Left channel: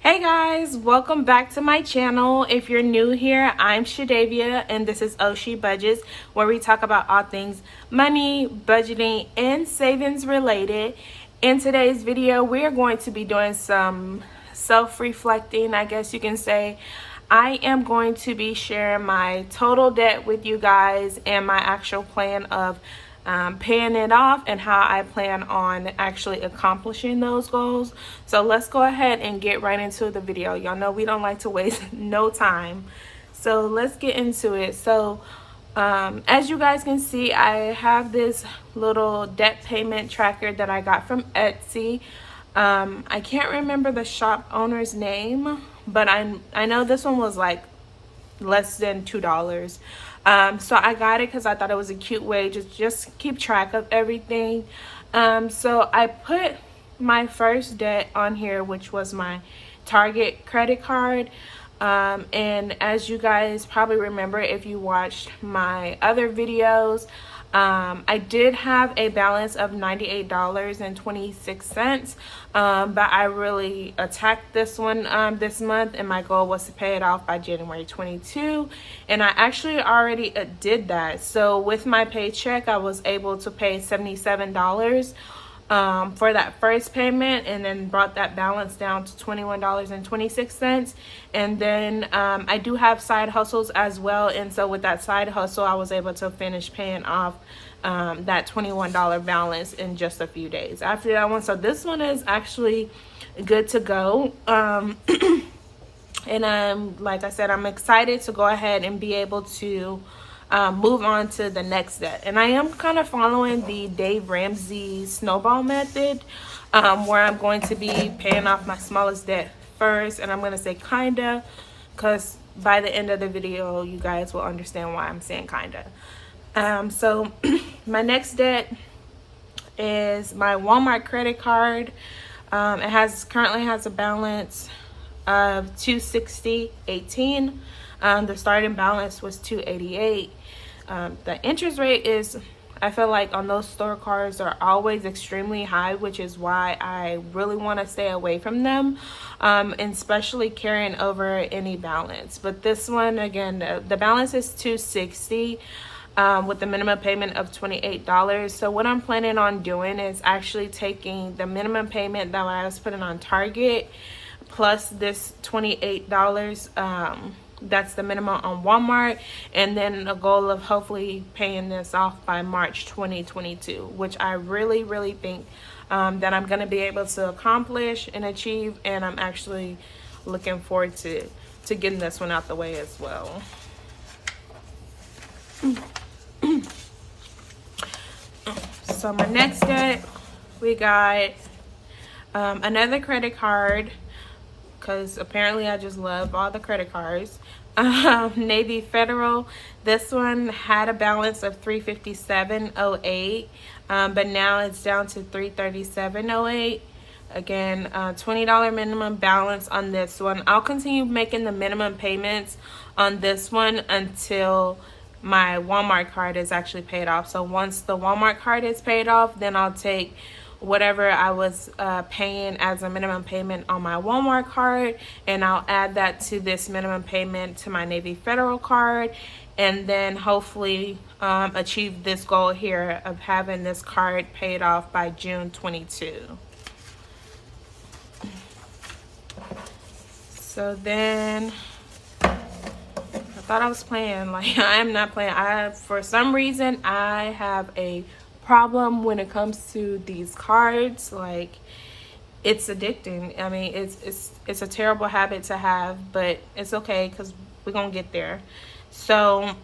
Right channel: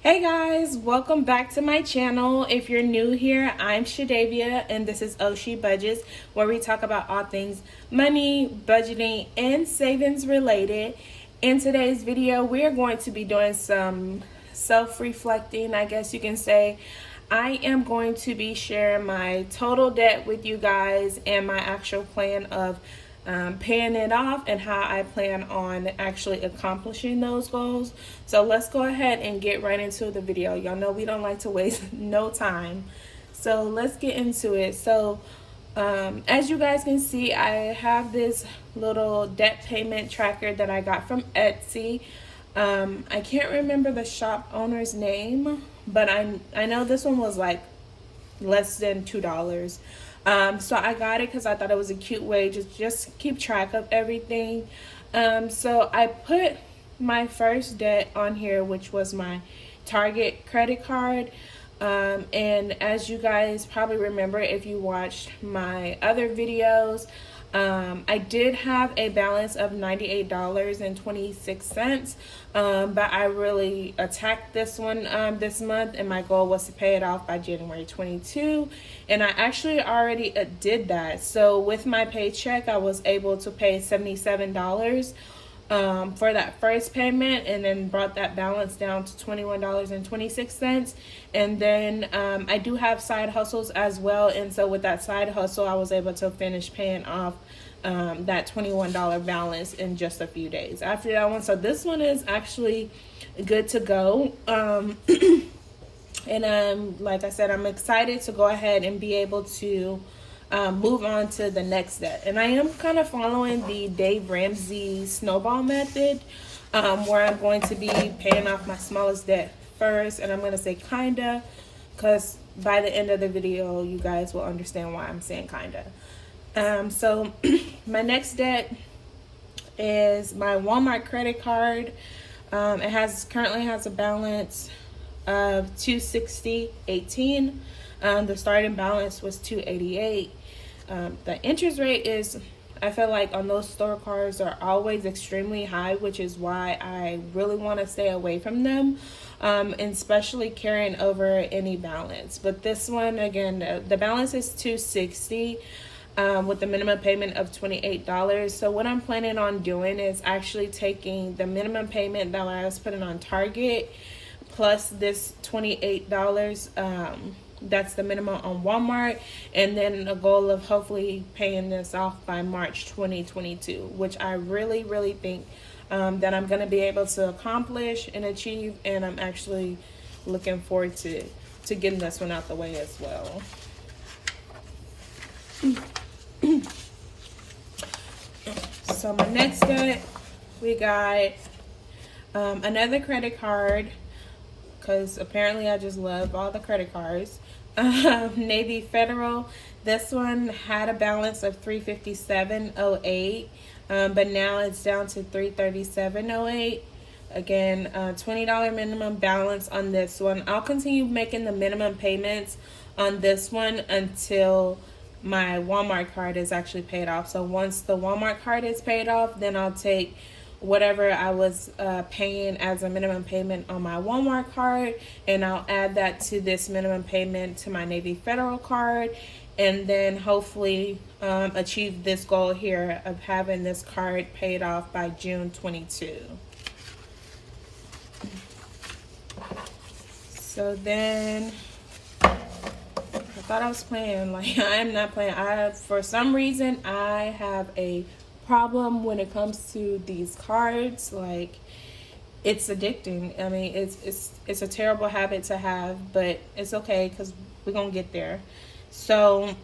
Hey guys, welcome back to my channel. If you're new here, I'm Shadavia and this is Ohshebudgets, where we talk about all things money, budgeting, and savings related. In today's video, we are going to be doing some self-reflecting, I guess you can say. I am going to be sharing my total debt with you guys and my actual plan of paying it off and how I plan on actually accomplishing those goals. So let's go ahead and get right into the video. Y'all know we don't like to waste no time. So let's get into it. So as you guys can see, I have this little debt payment tracker that I got from Etsy. I can't remember the shop owner's name, but I know this one was like less than $2. So I got it because I thought it was a cute way to just keep track of everything. So I put my first debt on here, which was my Target credit card. And as you guys probably remember if you watched my other videos, I did have a balance of $98.26, but I really attacked this one this month, and my goal was to pay it off by January 22, and I actually already did that. So with my paycheck, I was able to pay $77 for that first payment, and then brought that balance down to $21.26. And then I do have side hustles as well, and so with that side hustle I was able to finish paying off that $21 balance in just a few days after that one. So this one is actually good to go. And like I said, I'm excited to go ahead and be able to move on to the next debt. And I am kind of following the Dave Ramsey snowball method, where I'm going to be paying off my smallest debt first. And I'm going to say kinda, because by the end of the video you guys will understand why I'm saying kinda. So my next debt is my Walmart credit card. It currently has a balance of $260.18. The starting balance was $288. The interest rate is, I feel like on those store cards, are always extremely high, which is why I really want to stay away from them, and especially carrying over any balance. But this one, again, the balance is $260. With the minimum payment of $28. So what I'm planning on doing is actually taking the minimum payment that I was putting on Target plus this $28, that's the minimum on Walmart, and then a goal of hopefully paying this off by March 2022, which I really think that I'm going to be able to accomplish and achieve, and I'm actually looking forward to getting this one out the way as well. So my next debt, we got another credit card, because apparently I just love all the credit cards. Navy Federal. This one had a balance of $357.08, but now it's down to $337.08. Again, $20 minimum balance on this one. I'll continue making the minimum payments on this one until my Walmart card is actually paid off. So once the Walmart card is paid off, then I'll take whatever I was paying as a minimum payment on my Walmart card, and I'll add that to this minimum payment to my Navy Federal card, and then hopefully achieve this goal here of having this card paid off by June 22. So then I thought I was playing. Like, I am not playing. For some reason, I have a problem when it comes to these cards. Like, it's addicting. I mean, it's a terrible habit to have, but it's okay because we're gonna get there. So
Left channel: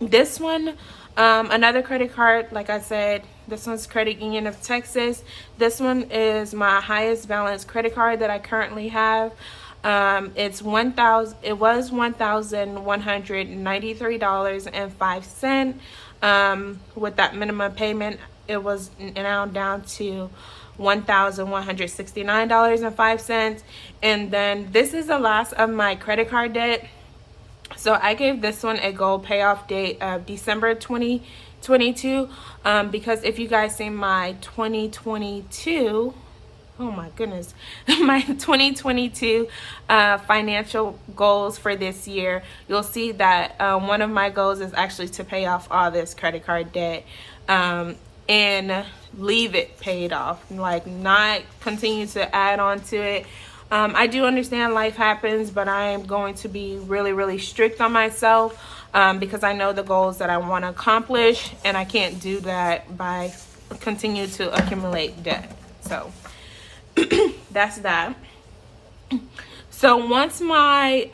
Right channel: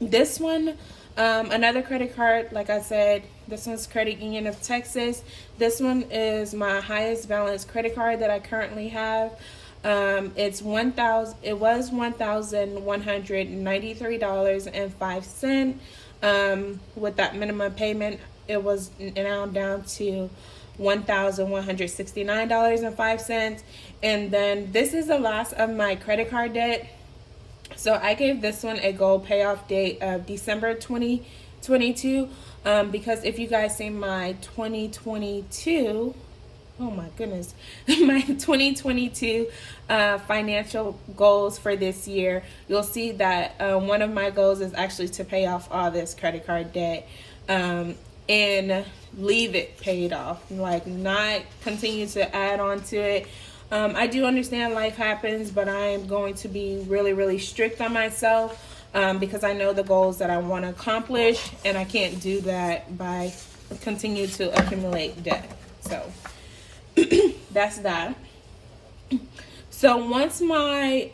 this one, another credit card, like I said, this one's Credit Union of Texas. This one is my highest balance credit card that I currently have. It was $1,193.05. With that minimum payment, it was now down to $1,169.05. And then this is the last of my credit card debt. So I gave this one a goal payoff date of December 2022, because if you guys see my 2022 oh my goodness, my 2022 financial goals for this year, you'll see that one of my goals is actually to pay off all this credit card debt and leave it paid off, like not continue to add on to it. I do understand life happens, but I am going to be really, really strict on myself because I know the goals that I want to accomplish, and I can't do that by continue to accumulate debt. So that's that. So once my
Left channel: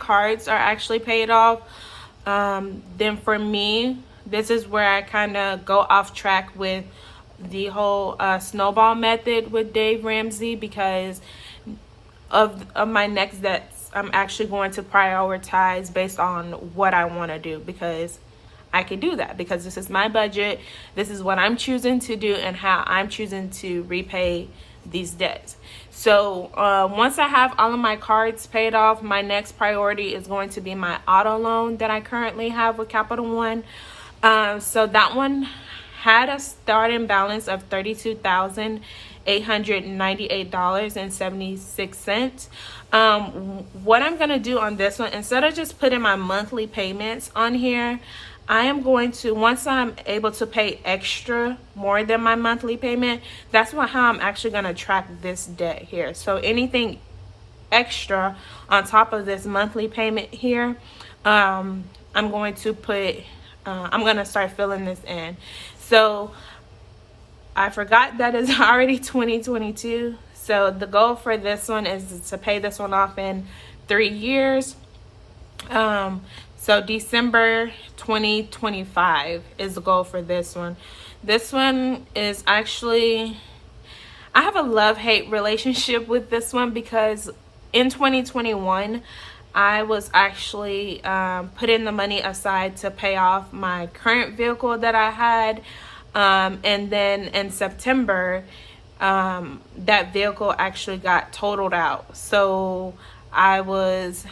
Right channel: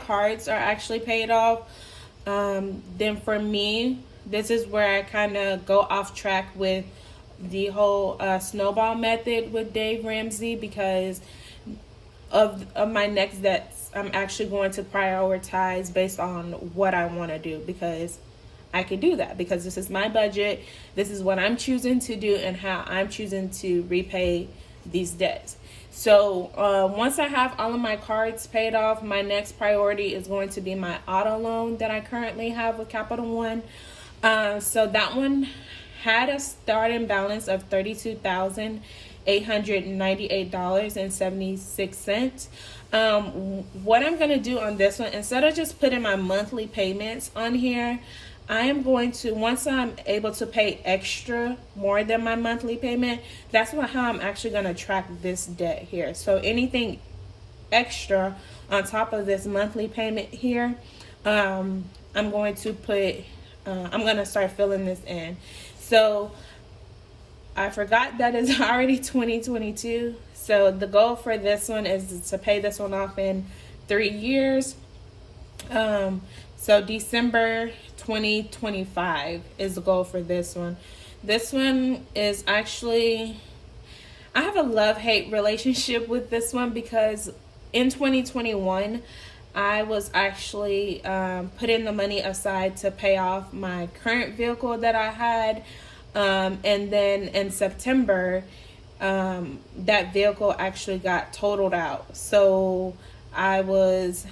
cards are actually paid off, then for me, this is where I kind of go off track with the whole snowball method with Dave Ramsey, because of my next debts, I'm actually going to prioritize based on what I want to do, because I can do that because this is my budget. This is what I'm choosing to do and how I'm choosing to repay these debts. So once I have all of my cards paid off, my next priority is going to be my auto loan that I currently have with Capital One. So that one had a starting balance of $32,898.76. What I'm gonna do on this one, instead of just putting my monthly payments on here, I am going to, once I'm able to pay extra more than my monthly payment, that's how I'm actually gonna track this debt here. So anything extra on top of this monthly payment here, I'm going to put, I'm gonna start filling this in. So I forgot that it's already 2022. So the goal for this one is to pay this one off in 3 years. So December 2025 is the goal for this one. This one is actually, I have a love-hate relationship with this one because in 2021, I was actually putting the money aside to pay off my current vehicle that I had. And then in September, that vehicle actually got totaled out. So I was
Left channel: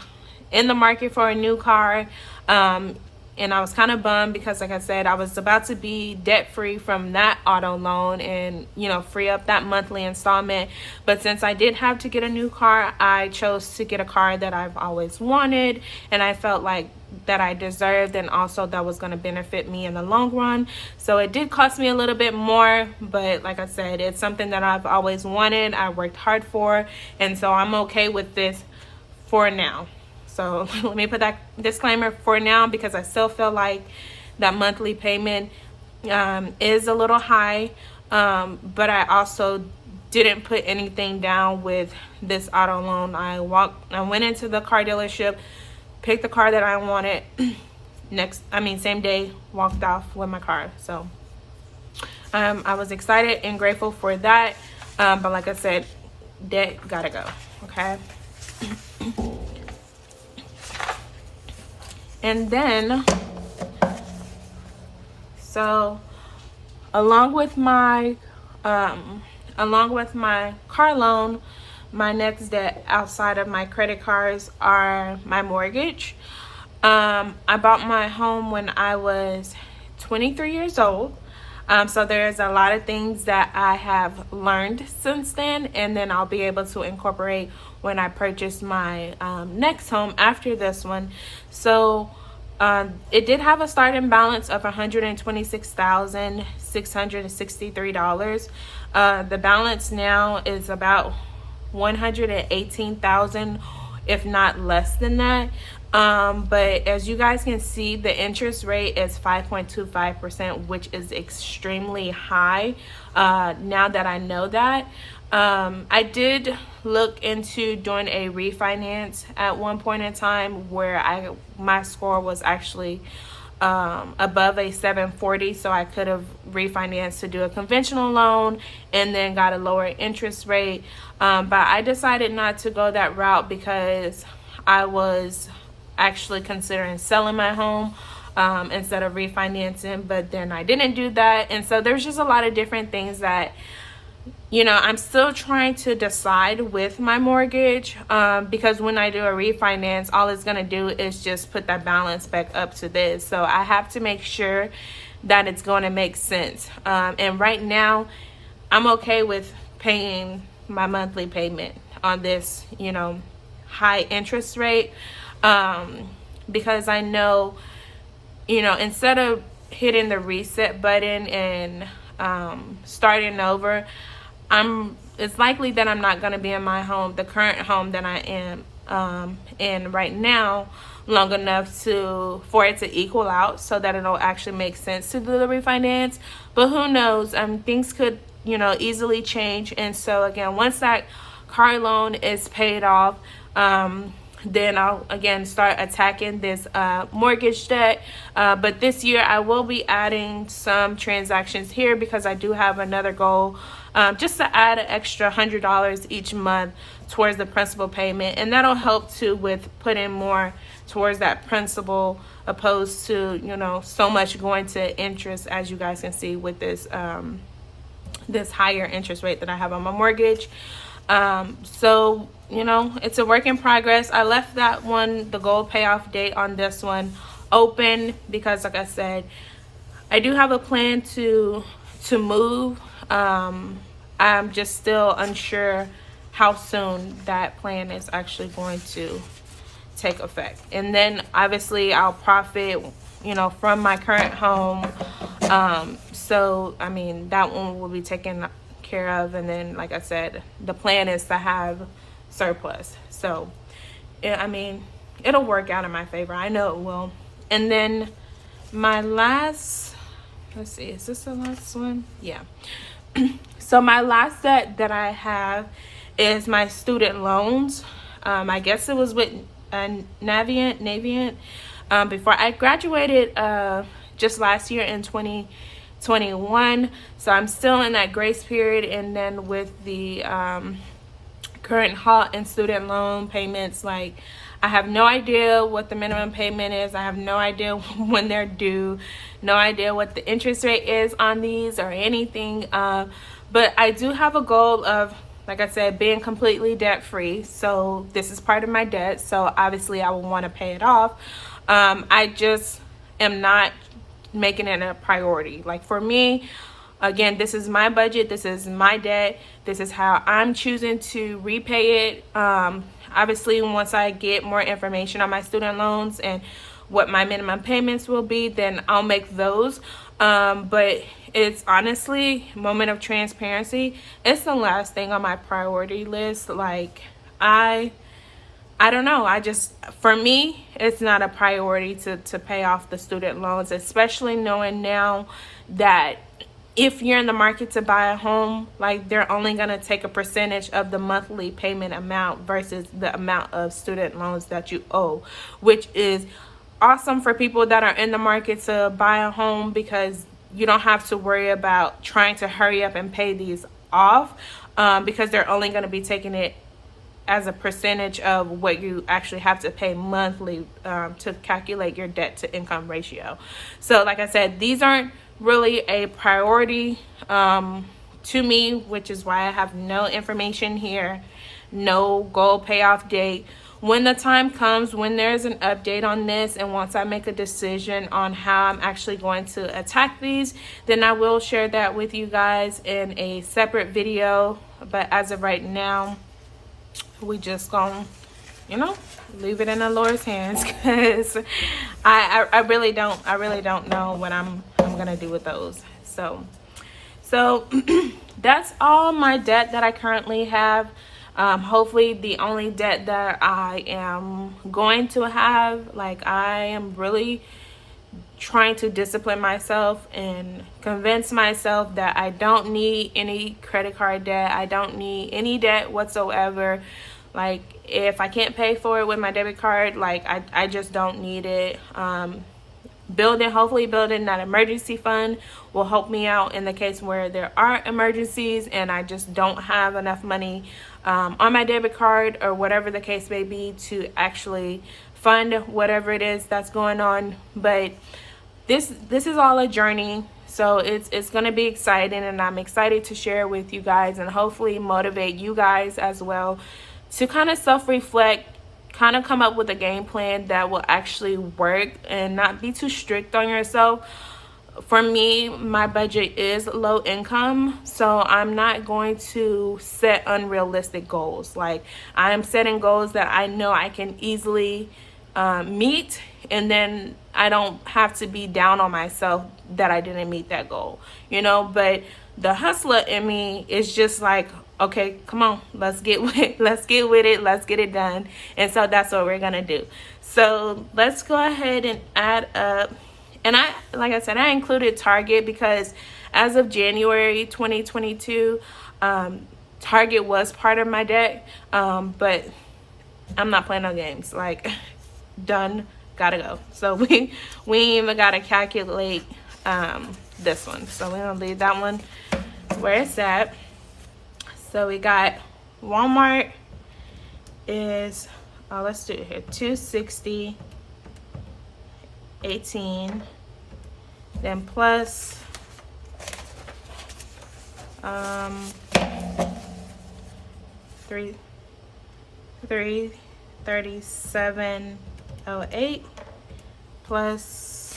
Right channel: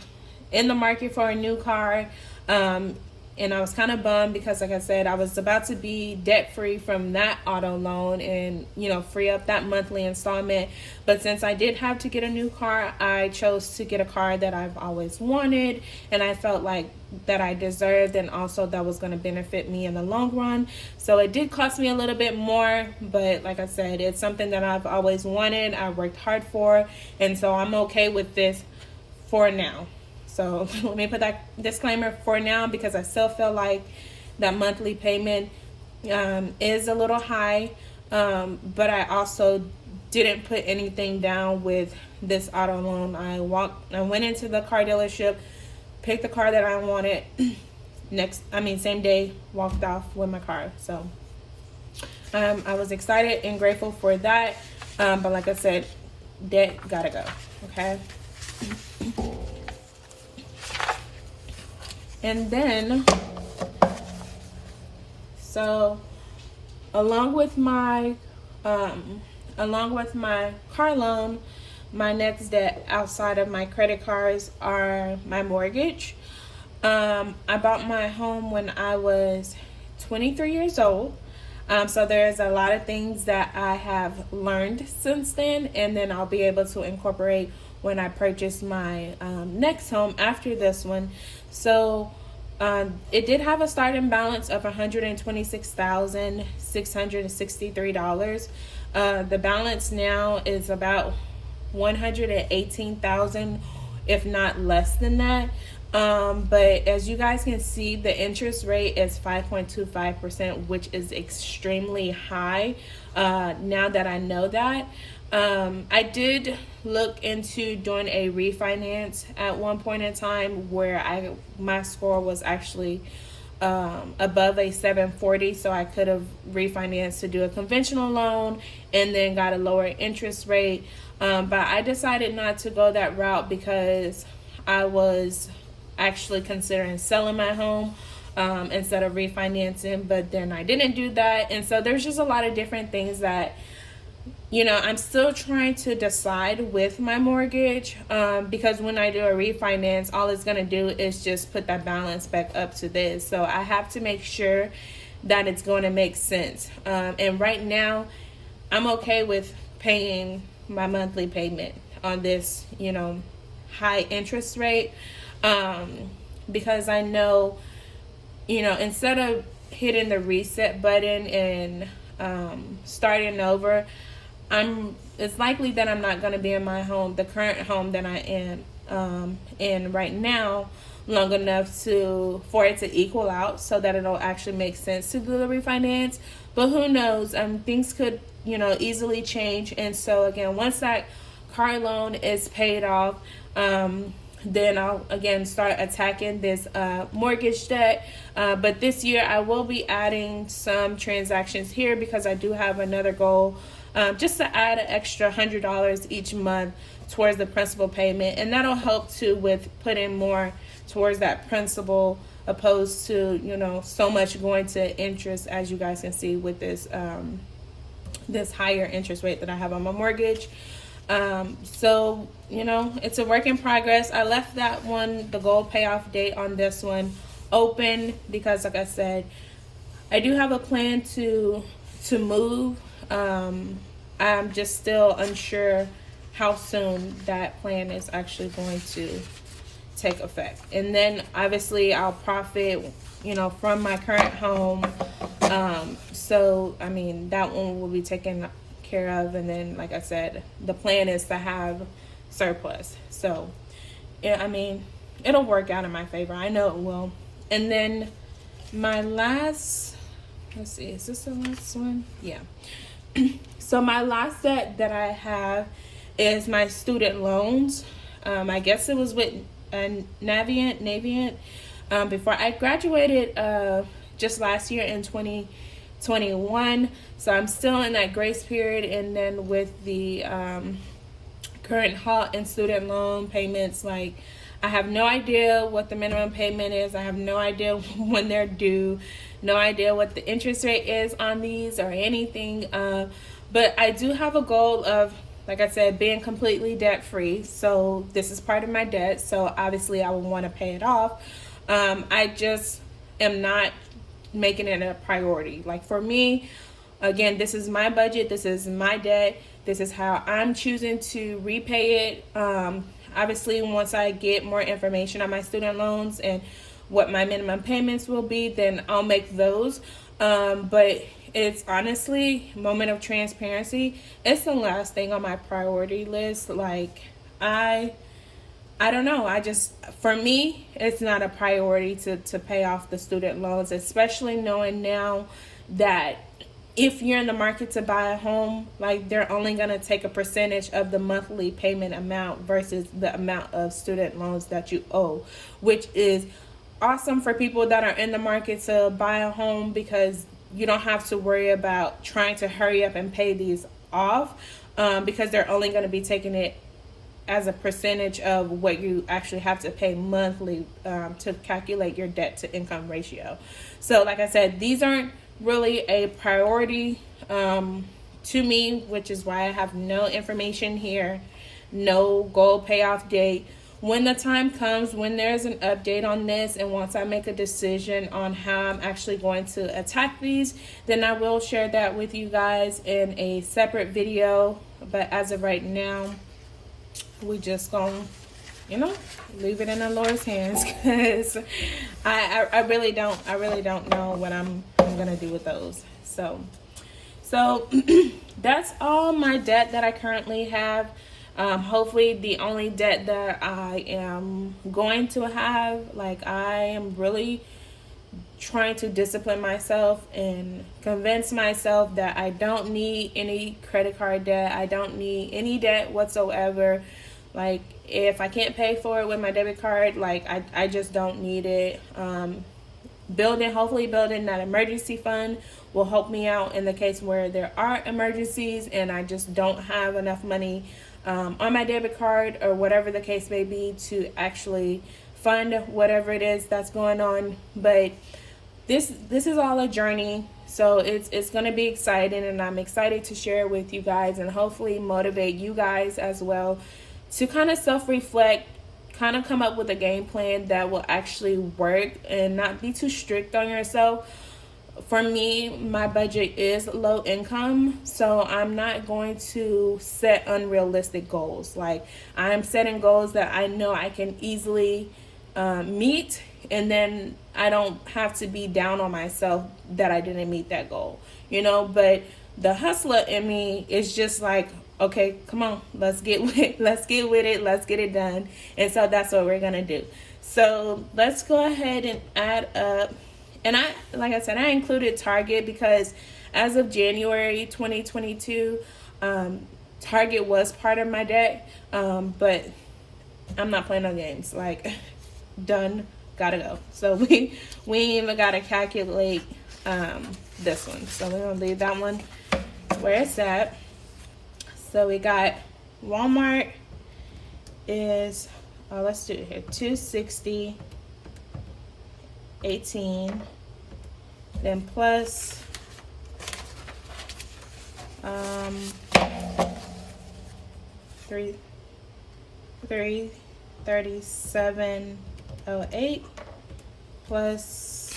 in the market for a new car, and I was kind of bummed because, like I said, I was about to be debt free from that auto loan and, you know, free up that monthly installment. But since I did have to get a new car, I chose to get a car that I've always wanted, and I felt like that I deserved, and also that was going to benefit me in the long run. So it did cost me a little bit more, but like I said, it's something that I've always wanted, I worked hard for, and so I'm okay with this for now. So let me put that disclaimer for now, because I still feel like that monthly payment is a little high, but I also didn't put anything down with this auto loan. I went into the car dealership, picked the car that I wanted, same day, walked off with my car. So I was excited and grateful for that, but like I said, debt gotta go, okay? And then, so along with my car loan, my next debt outside of my credit cards are my mortgage. I bought my home when I was 23 years old. So there's a lot of things that I have learned since then, and then I'll be able to incorporate when I purchase my next home after this one. So it did have a starting balance of $126,663. The balance now is about $118,000, if not less than that. But as you guys can see, the interest rate is 5.25%, which is extremely high. Now that I know that, I did look into doing a refinance at one point in time where my score was actually above a 740, so I could have refinanced to do a conventional loan and then got a lower interest rate, but I decided not to go that route because I was actually considering selling my home instead of refinancing, but then I didn't do that. And so there's just a lot of different things that, you know, I'm still trying to decide with my mortgage, because when I do a refinance, all it's going to do is just put that balance back up to this. So I have to make sure that it's going to make sense. And right now, I'm okay with paying my monthly payment on this, you know, high interest rate, because I know, you know, instead of hitting the reset button and starting over, it's likely that I'm not going to be in my home, the current home that I am in right now, long enough for it to equal out so that it'll actually make sense to do the refinance. But who knows, things could, you know, easily change. And so again, once that car loan is paid off, then I'll again start attacking this mortgage debt. But this year I will be adding some transactions here because I do have another goal, just to add an extra $100 each month towards the principal payment, and that'll help too with putting more towards that principal, opposed to, you know, so much going to interest, as you guys can see with this this higher interest rate that I have on my mortgage. So, you know, it's a work in progress. I left that one, the goal payoff date on this one, open because, like I said, I do have a plan to move. I'm just still unsure how soon that plan is actually going to take effect. And then obviously I'll profit, you know, from my current home. So I mean, that one will be taken care of, and then, like I said, the plan is to have surplus. So I mean, it'll work out in my favor, I know it will. And then my last, let's see, is this the last one? Yeah. So my last debt that I have is my student loans. I guess it was with Navient before I graduated just last year in 2021. So I'm still in that grace period, and then with the current halt in student loan payments, like, I have no idea what the minimum payment is. I have no idea when they're due, no idea what the interest rate is on these or anything. But I do have a goal of, like I said, being completely debt free. So this is part of my debt. So obviously I will want to pay it off. I just am not making it a priority. Like, for me, again, this is my budget. This is my debt. This is how I'm choosing to repay it. Obviously, once I get more information on my student loans and what my minimum payments will be, then I'll make those. But it's honestly, moment of transparency, it's the last thing on my priority list. Like, I don't know. For me, it's not a priority to pay off the student loans, especially knowing now that if you're in the market to buy a home, like, they're only going to take a percentage of the monthly payment amount versus the amount of student loans that you owe, which is awesome for people that are in the market to buy a home, because you don't have to worry about trying to hurry up and pay these off, because they're only going to be taking it as a percentage of what you actually have to pay monthly to calculate your debt to income ratio. So like I said, these aren't really a priority to me, which is why I have no information here, no goal payoff date. When the time comes, when there's an update on this, and once I make a decision on how I'm actually going to attack these, then I will share that with you guys in a separate video. But as of right now, we just gonna, you know, leave it in the Lord's hands, because I really don't know what I'm gonna do with those. So that's all my debt that I currently have. Hopefully the only debt that I am going to have, like, I am really trying to discipline myself and convince myself that I don't need any credit card debt. I don't need any debt whatsoever. Like, if I can't pay for it with my debit card, like, I just don't need it. Hopefully building that emergency fund will help me out in the case where there are emergencies and I just don't have enough money on my debit card, or whatever the case may be, to actually fund whatever it is that's going on. But this is all a journey, so it's going to be exciting, and I'm excited to share with you guys and hopefully motivate you guys as well to kind of self-reflect, kind of come up with a game plan that will actually work and not be too strict on yourself. for me, my budget is low income, so I'm not going to set unrealistic goals. Like, I am setting goals that I know I can easily meet, and then I don't have to be down on myself that I didn't meet that goal, you know. But the hustler in me is just like, okay, come on, let's get with it, let's get it done. And so that's what we're gonna do. So let's go ahead and add up. And like I said, I included Target because as of January 2022, Target was part of my debt, but I'm not playing no games. Like, done, gotta go. So we even gotta calculate this one. So we're gonna leave that one where it's at. So we got Walmart is, let's do it here, $260.18, then plus $337.08 plus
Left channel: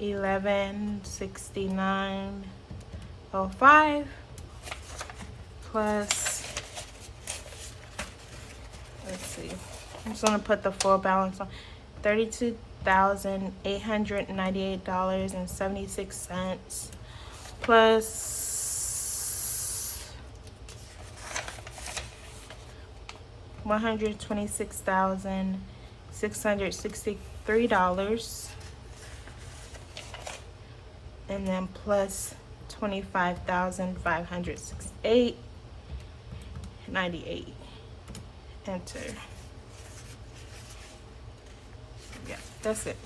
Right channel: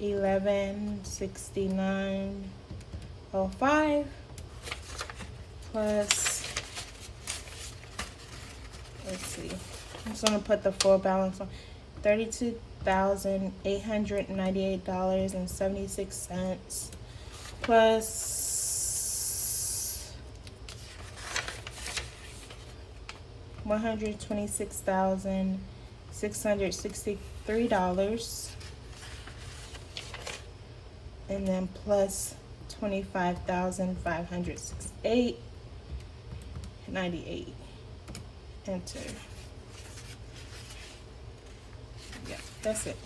$1169.05 plus, let's see, I'm just gonna put the full balance on, $32,898.76 plus $126,663, and then plus $25,568.98. Enter. Yeah, that's it.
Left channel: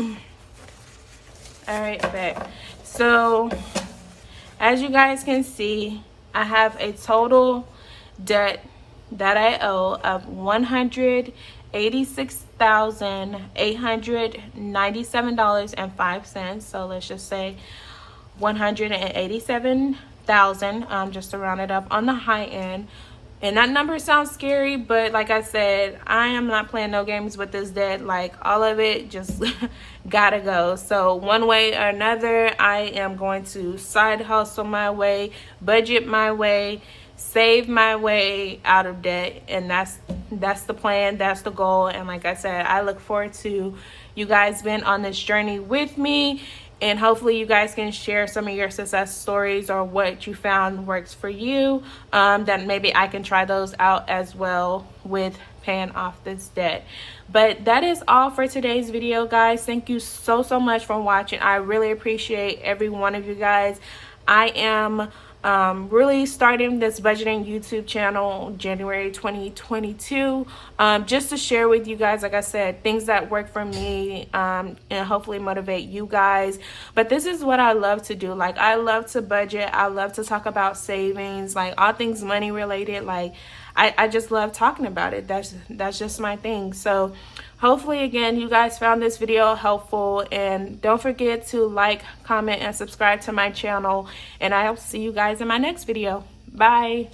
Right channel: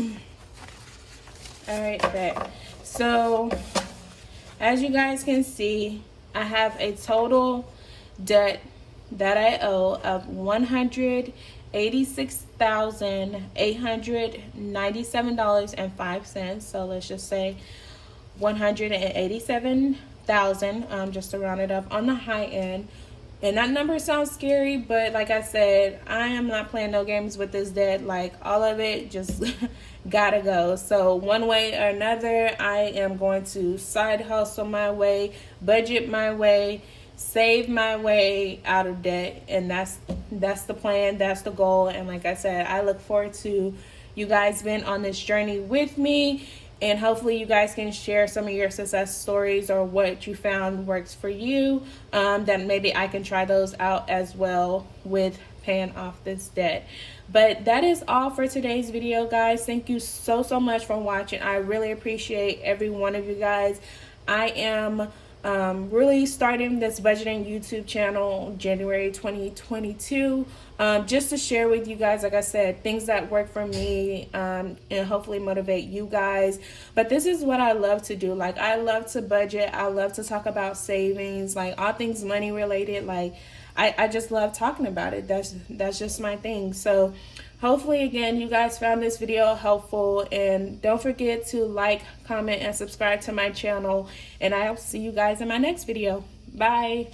All right, bet. So as you guys can see, I have a total debt that I owe of $186,897.05. So let's just say 187,000, just to round it up on the high end. And that number sounds scary, but like I said, I am not playing no games with this debt. Like, all of it just gotta go. So one way or another, I am going to side hustle my way, budget my way, save my way out of debt. And that's the plan, that's the goal. And like I said, I look forward to you guys being on this journey with me. And hopefully you guys can share some of your success stories or what you found works for you. Then maybe I can try those out as well with paying off this debt. But that is all for today's video, guys. Thank you so much for watching. I really appreciate every one of you guys. I am really starting this budgeting YouTube channel January 2022, just to share with you guys, like I said, things that work for me, and hopefully motivate you guys. But this is what I love to do. Like, I love to budget, I love to talk about savings, like all things money related. Like, I just love talking about it. That's just my thing. So hopefully, again, you guys found this video helpful, and don't forget to like, comment, and subscribe to my channel, and I'll see you guys in my next video. Bye.